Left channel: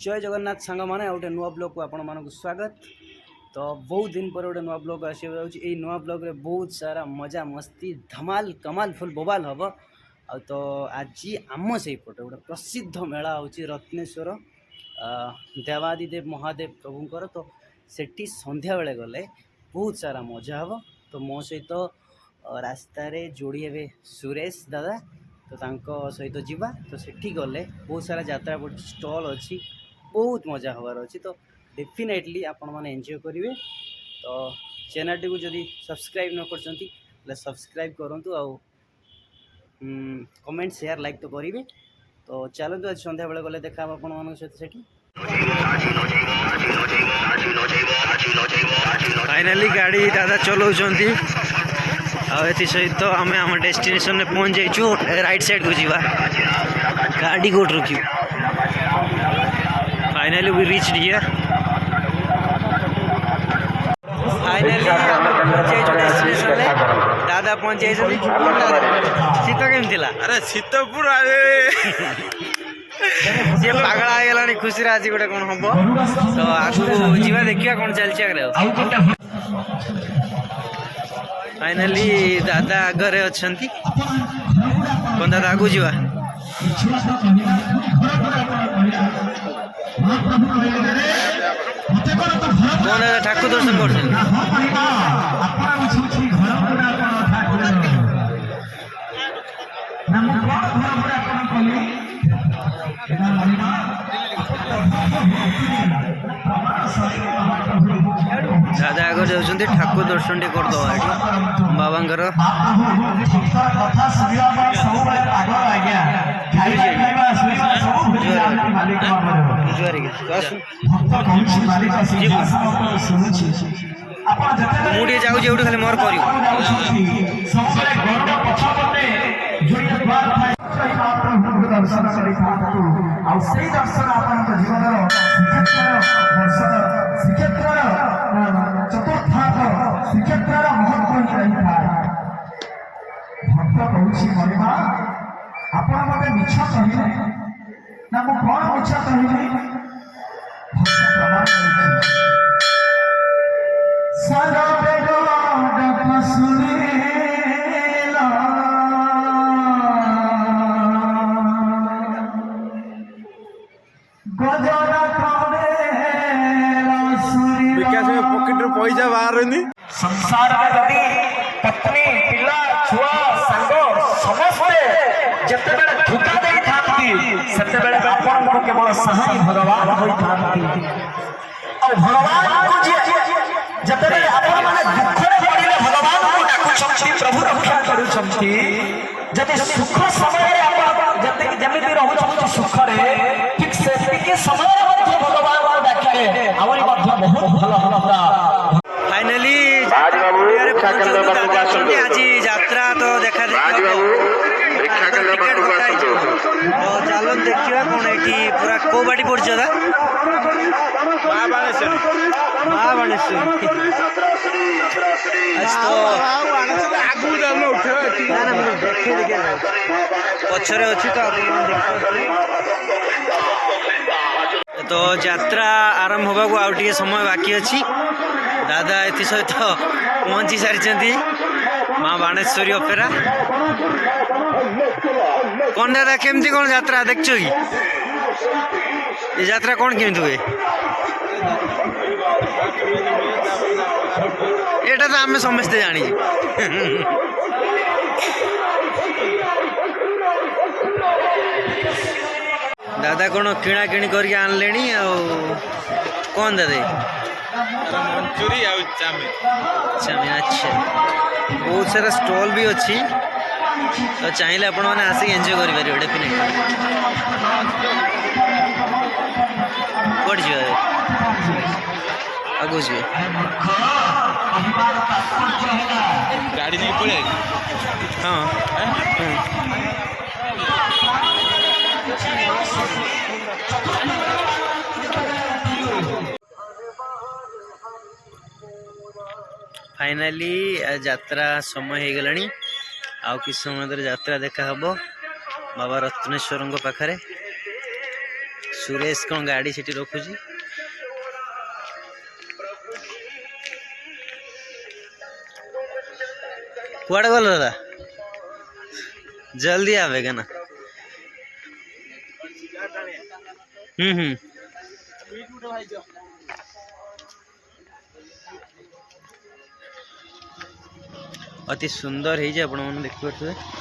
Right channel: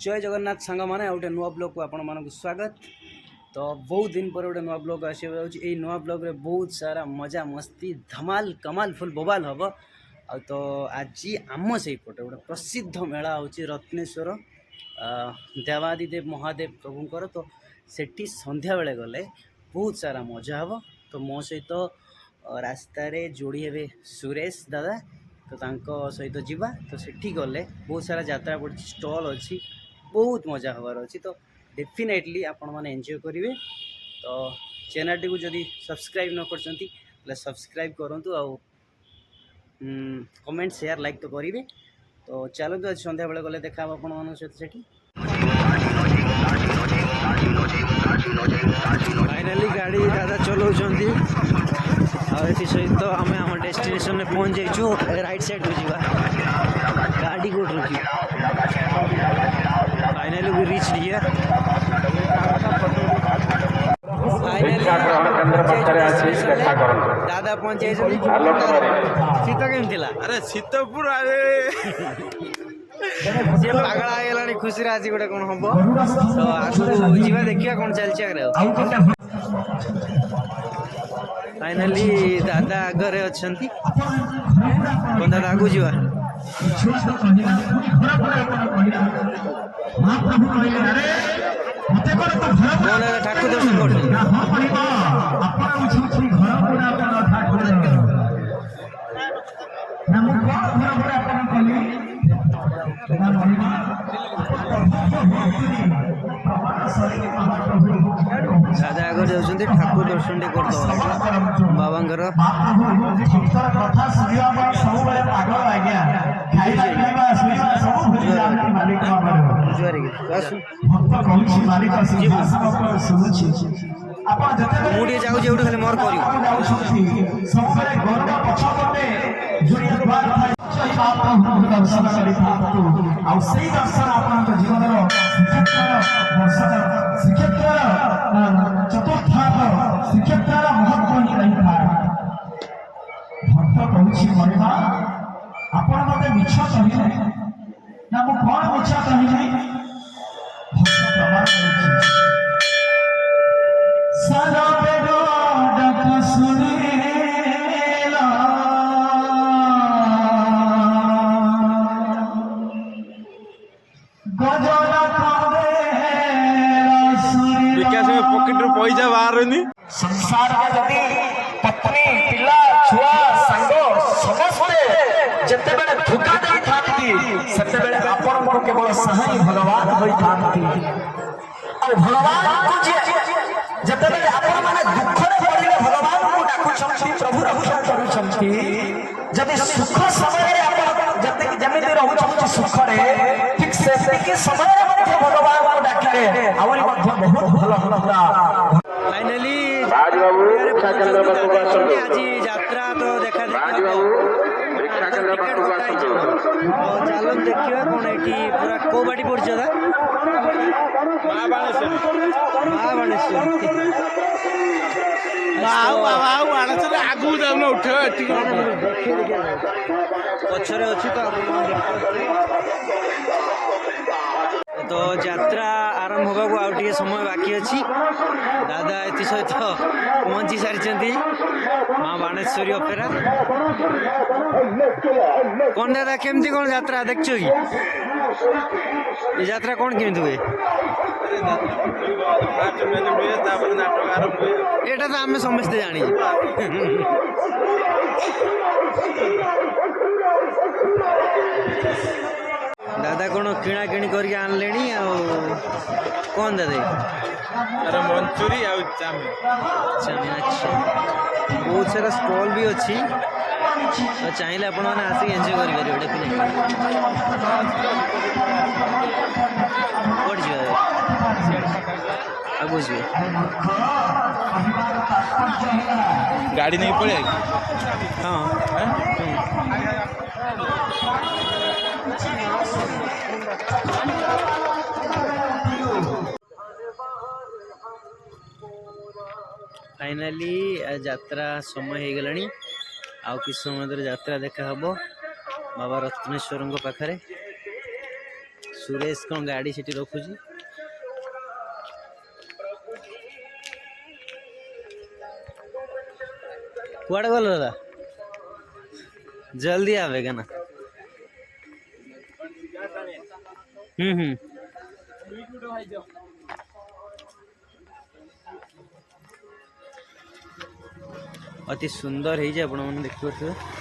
जय जगन्नाथ सांग मैंने गोटे नुआ ब्लॉग को आपण मानक स्वागत। तो बहुत दिन पर गोटे नुआ ब्लॉग आसो नुआ ब्लॉग रे बहुत सारा मजा मस्ती धमाल कमाल फुल बोबाल हम। तो आज आम से पटे गोटे प्रसिद्ध मेला हूँ रत्नेश्वर देवादिदेव महादेव प्रभुंर। तो सेठी संध्या बेले गले बहुत सारा मजा हम। तो मो सहित रास्तार जोड़ी हे सुरेश दादा तो तांको सहित जीवा। तो सेठी गले बहुत सारा यात्रा पड़ी स्टॉल अच्छी बहुत मजा हबार अच्छी। तो डेफिनेटली आपण मैंने एंजॉय करेंगे। तो चैनल टी को जदि सब्सक्राइब न कर सब्सक्राइब करूँ आउ कमेंट शेयर लाइक तो करेंगे। तो चलते आज संध्या बेले गले देखा आपण मान सहित। फाइनाली गाड़ी दादा चलाऊँ आती सहित आम आम डेस्टिनेशन में पहुँच जाइए। राइट साइड को जीवा गाड़ी कोट रुकी। Finally we reach here. Finally destination में दादा पहुँच जाए। शीत केम थिला? अरे शीत पूरा सी पागल आगला खुशी आज गोटे कौन हम। तो आगू जीवा देखिए कौन चलती आगे। फाइनाली दादा आगे अच्छा कौन दादा आगू जीवा कौन दादा ठाकुर दर्शन कर। दादा आगे जाऊँ ठाकुर दर्शन टे करद बाबांकर। मुझे जाऊँ जो खाली मोर कर विकास में पॉकेट रू पैसा बाहर संसार में जदि पत्नी पिला छुआ सांग समस्ते जते बेले धोखा देई थांती सेते बेले आपण मोर केवल सहाय भगवान होई थांती। और भगवान को जते बेले आपण माने दुख रे पड़िले भगवान को डाकु छंती प्रभु रक्षा करू छंती। जदि सुख समय रे आपण जते जेमिति रहू छंती सुख रे ठीक सेति के समय रे मध्य भगवान को डाकिले आवरी मध्य बहुत भलो हमरा। फाइनाली आज यात्रा तो देखा देखी टिकेट कटाई। तो चलो देखिए कौन ये पूरा को बाटी पड़ पचरे अच्छी। तो यात्रा आरंभ होगा आउ समय बाकी अच्छी। दादा एथि सहित पहुँची सारी माँ बाणेश्वरी अपेरा। कौन दादा केमती कौन यात्रा देख कि ये यात्रा कौन केमती हुए एटा तो आम समस्ते जानी। दादा कौन किणा किणी करके आनले कौन दादा मंचूरी और चाउमीन। अच्छा बहुत सारा स्टॉल भी अच्छी। तो चाहिए आपण मैंने आसिक एंजॉय करेंगे डेफिनेटली। कौट जी आगो जी गाड़ी नहीं पड़े। हाँ फाइनाली यात्रा समय हो गलानी। आउ कि समय यात्रा देखा हम बाबा रत्नेश्वर पाखे सुरेश कौन गाड़ी से रखुची कुआड़े गल दादा जल्दी आवेगा ना अति सुंदर है आप देखिए